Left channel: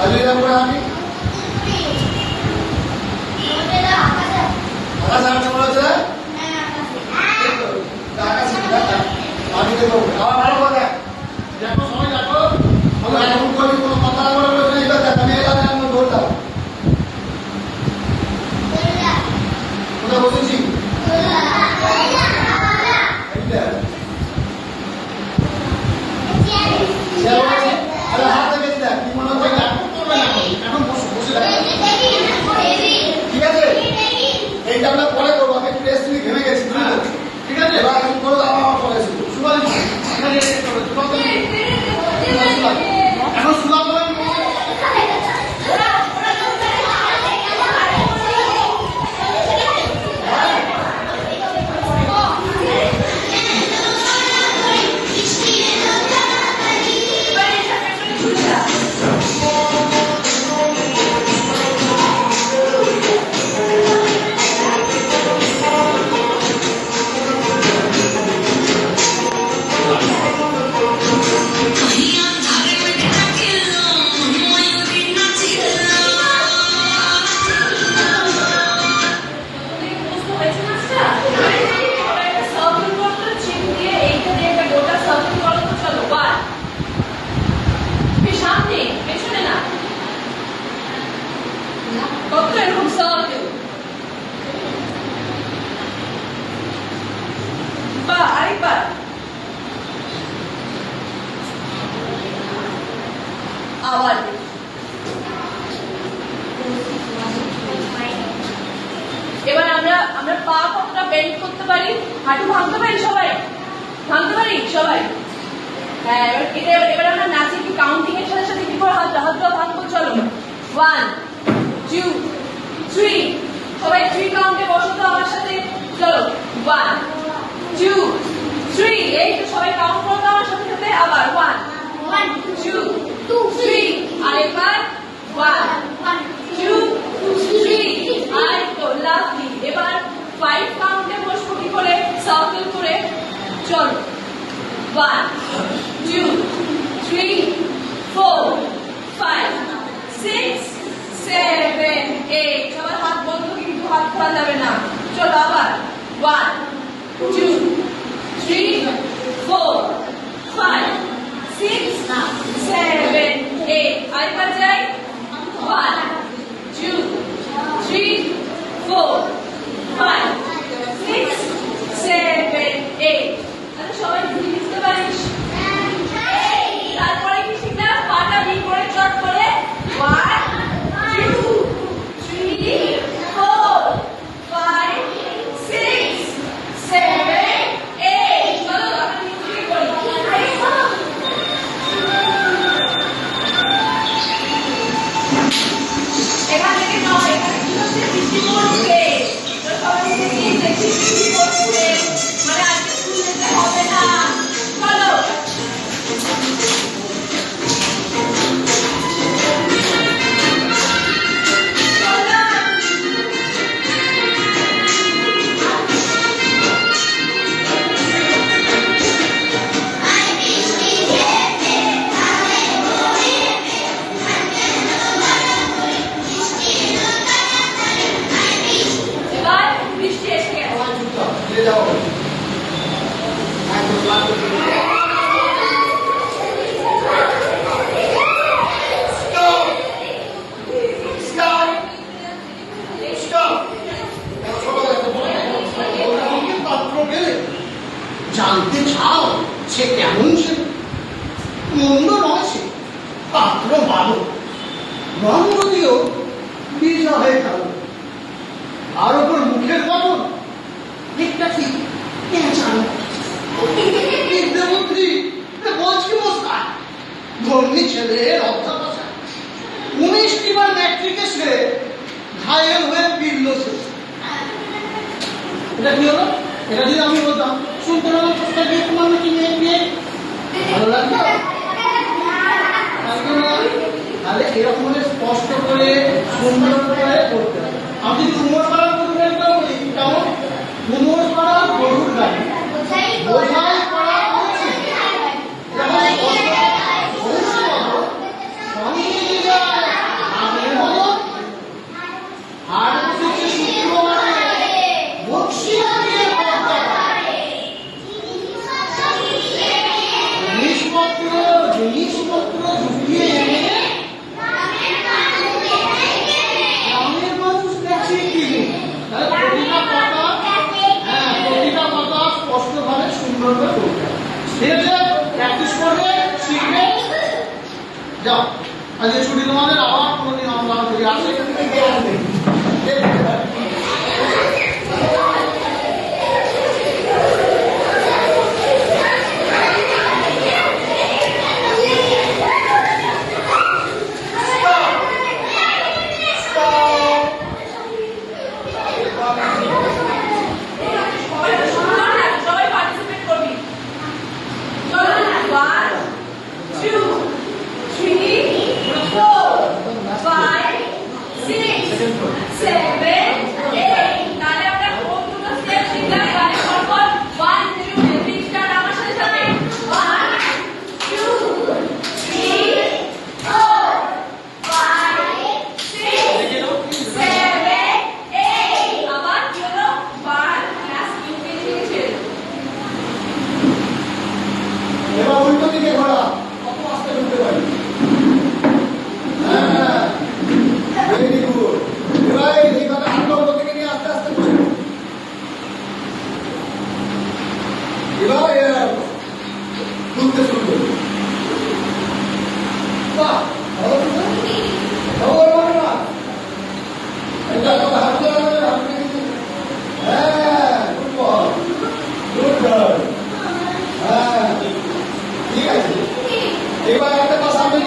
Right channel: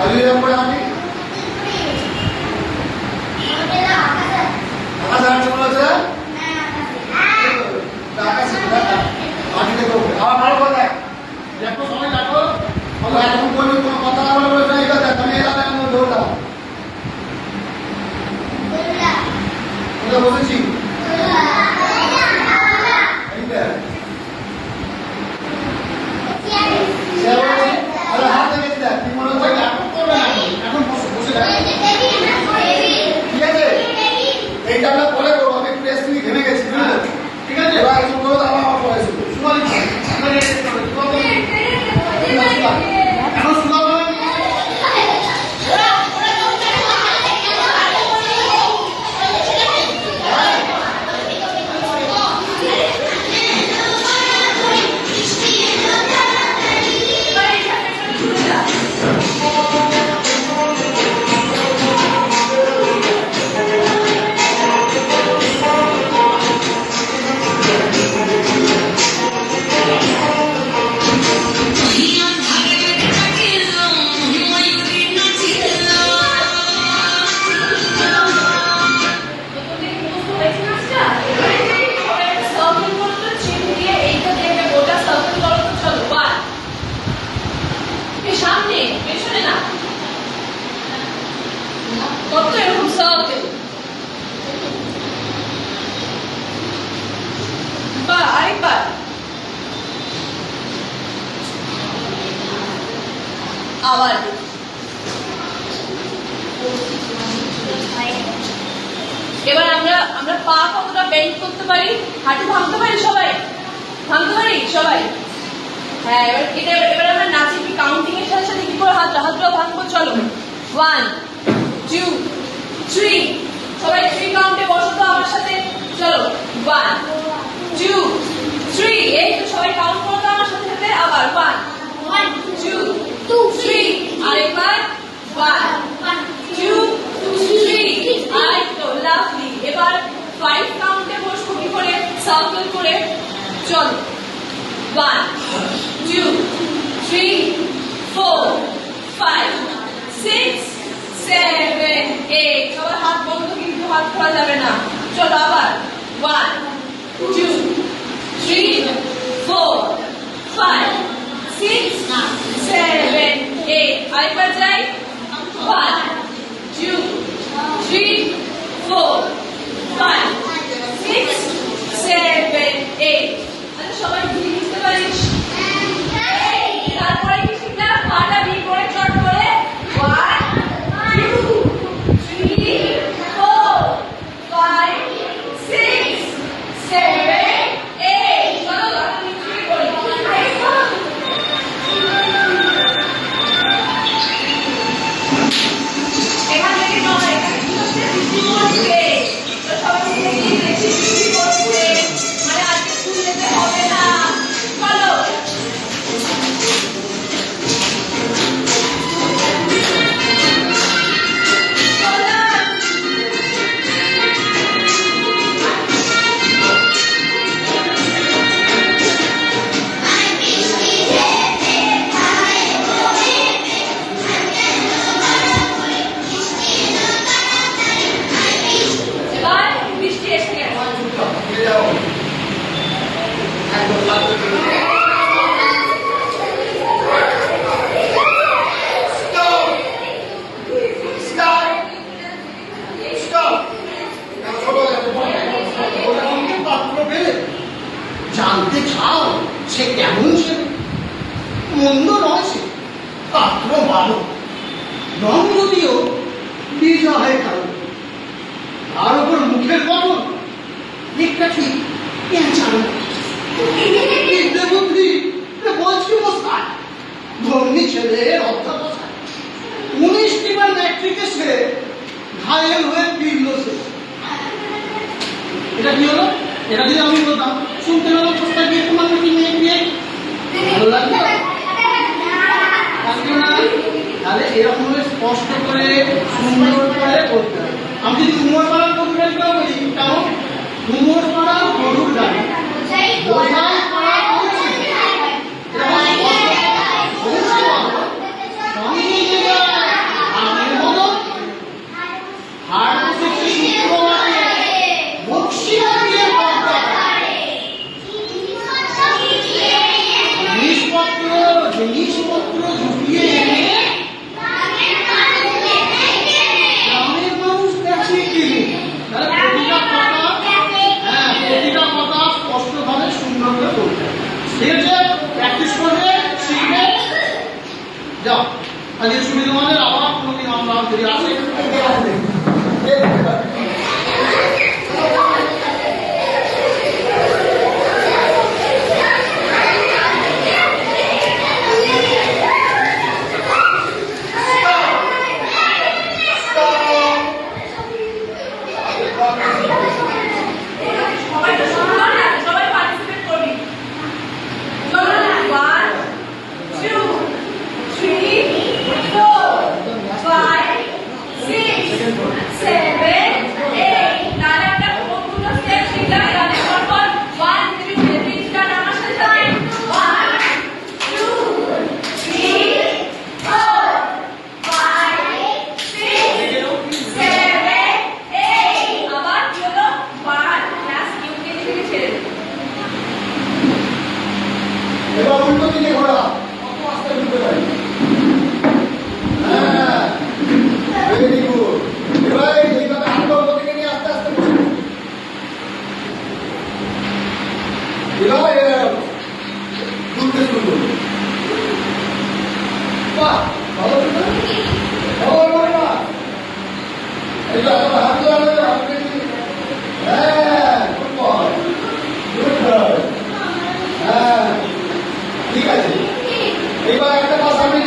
আলিরা পড়ে আমি আকাশ আনতে বলেছে আমি দেখবো আবার ভালো করে দেখ দেখো সময় দেখো এখন করি কোনো কথা না বলে বলেছে এটা দেখ আমি এটা দেখ আমি বলতাম বসেছি আরে হাতে দেখে দেখ কি মনে হয় এখন করবে না এখন বসে দেখ ঠিক আছে এইটা আমরা পরে করবো আমি একটু রেস্ট নিয়ে ঘেমে গেছি ঠিক আছে এবার একটু করো আমার পরে এখন শোনা আবার এবার আমরা পা কতটা বেন্ড করতে পারি হাঁটু ভাঙতে পারি সবাই হ্যাঁ এবার আমরা নাচি কি কাউন্টিং এর সাথে সাথে কি করে হাতটা ভাঙবো চলো 1 2 3 সবাই 3 কাউন্টে বসো তো আমার সাথে চলো 1 2 3 এই তো সবাই কাউন্ট করো আমার সাথে আবার 1 2 3 আরেকবার 1 2 3 আর তো লাভলি এবার 5 কাউন্টে বসবো কি করে সার্কেল করে চলো 1 2 3 4 5 6 7 8 সবার হাত বন্ধ কিন্তু হাত খোলা যাবে না চলো আবার 1 2 3 4 5 6 7 8 আরেকবার যাই 1 2 3 4 5 6 7 8 আচ্ছা সবাই বুঝতে পারিস তারপরে কি শিখলাম পাটা ভি করে চট করে 1 2 3 4 5 6 7 8 চলো আপনি কি করি এখান থেকে যাও এখানে কি হচ্ছে বৃষ্টি পড়ছে তো সবাই মিলে গিয়ে দেখি বৃষ্টি পড়ছে মানে আজকে স্কুল যেতে হবে না চলো জানতে চাও সে কেমন ছিল মন্দ নয় সে পাত্র ভালো রং যদিও বিজয়ের কারণ আর ওপর মুখের বদল দিকটা ঠিক জানো বিদ্যাবুদ্ধি বলছি মস্কার ধর্মী ছেলের অধ্যাপনা 19টি বার ম্যাট্রিকে সে ঘায়েল হয়ে ফিরল সে এটা কি হলো এটা যদি আমি বলতাম শুনতে পেলাম কোথায় গিয়ে তোমার নাকি মেয়ে বিয়ে ভালো লাগবে তাহলে এরকম স্পষ্ট করে সুন্দর করে করতে হবে আমি যদি উমর পাড়ার গরুর গাড়ি করে বলি কেমন উমর পাড়ার গরুর গাড়ি বোঝাই করা উচিত সঙ্গে পুরো ঢুকিয়ে এনে গ্রামের মানুষ দেখছে কি প্রতিটা পাতা স্পষ্টভাবে সুন্দর করে করতে হবে। ঠিক আছে, প্র্যাকটিস করবে, শিখবে, যাও। আজকে শুনি তোমাদের, আবার কোনোদিন আমরা যদি আসি সবাই তো সুন্দর না, সবাই পার্টিসিপেট করবি। চলো 1 2 3 4 5 6 7 8 তাহলে আমরা কতগুলো স্টেপ শিখলাম গানের পরপর 1 2 3 স্টার্ট আমার সাথে সাথে 1 2 3 4 5 6 7 8 আবার কি হলো 1 ক্লাস ইউকেজি থেকে ছেড়ে দিই। এবার উল্টো দিকে ঘোরা, কত আস্তে ঘুরতে পারি। হ্যাঁ, ভেরি গুড। এবার এইভাবে হাতটা উপর দিকে নিয়ে আস্তে আস্তে করো। এবার ঘুরতে শুরু করো। বাহ, ভালো কিন্তু। ভালো না এটা তো হাত ধরে হাতকে দিয়ে। হ্যাঁ, গুড বয়, গুড বয়। হ্যাঁ, ঠিক আছে। এবার একটা কাজ আমি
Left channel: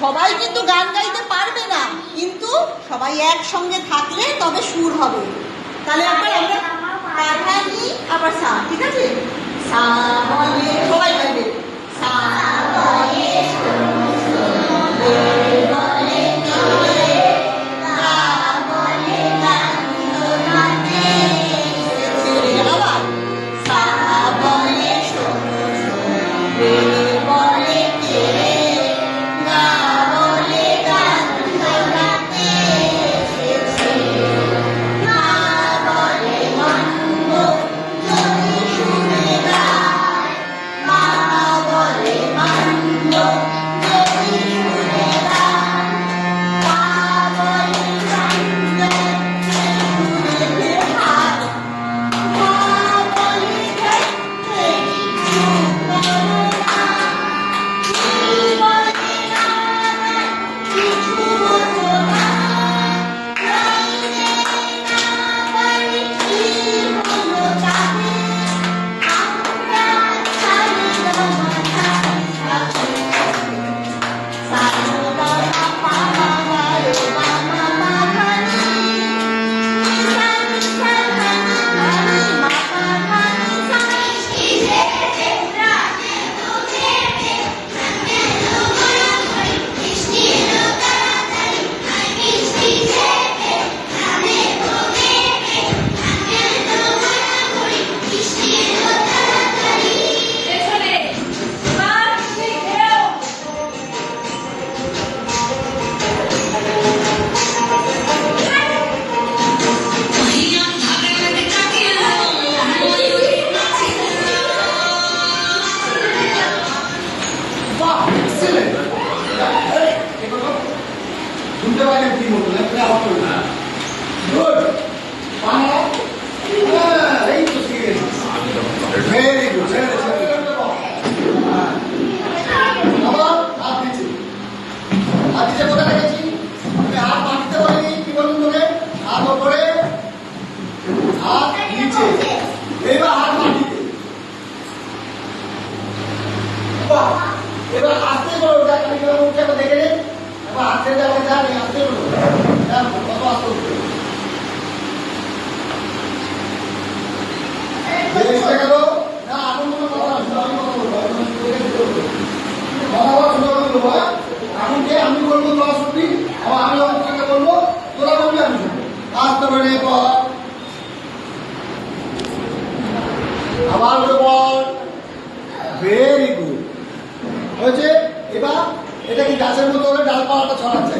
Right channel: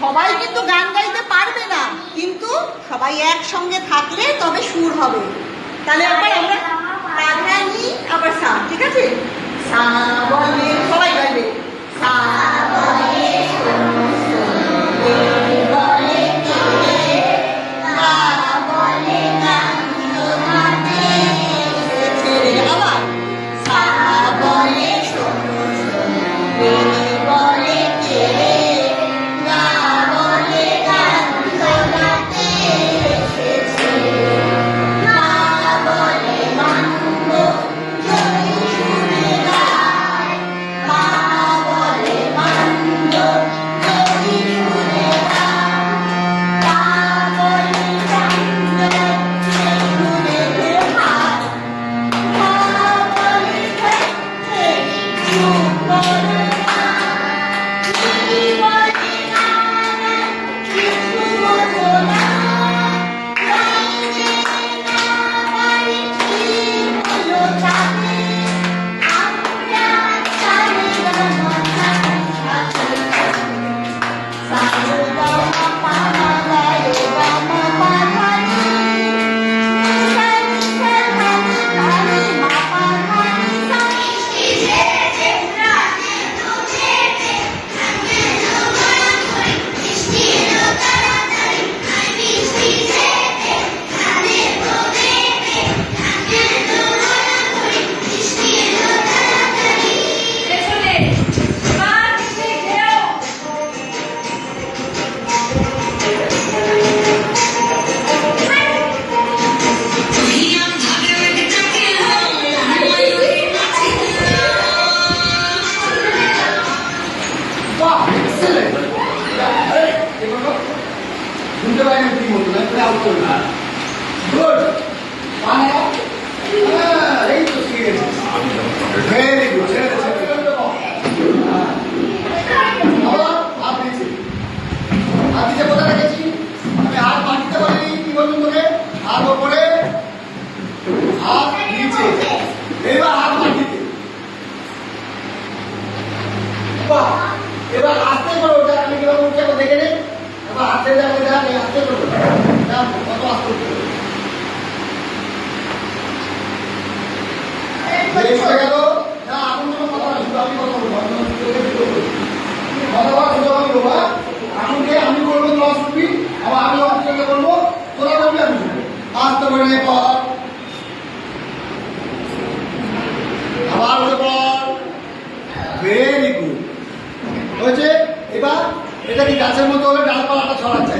সবাই কিন্তু গান গাইতে পারবে না, কিন্তু সবাই একসঙ্গে থাকলে তবে সুর হবে। তাহলে আবার আমরা পাঠানি আবার সা, ঠিক আছে? সা বলে সবাই গাইবে, সা বলে আবার সা বলে শুনতে পাই কি বলতো গুড এই তো শিখে ভেরি গুড এবার আস্তে করো, যা আমি কিভাবে উঠছে একবার দেখে নিন। আবার আস্তে যাবে, যা নেই আস্তে করো, যা কত আস্তে উঠছে। এসে গেল না, এখন কোনো কথা না, শুধু আমি কথা বলবো, আপনার সঙ্গে কথা বলা শুধু আমি বলবো। এখন যে আমি বলবো তোরা শুনবি, আবার আমি আমার সঙ্গে বলবো তোরা বলবি, আমি শুনবো। আস্তে করে পর, আবার বলে পর, ভেরি গুড হয়েছে। এবার এটা কি গাছের মতো হবে, ডালপালাটা ছড়াচ্ছে।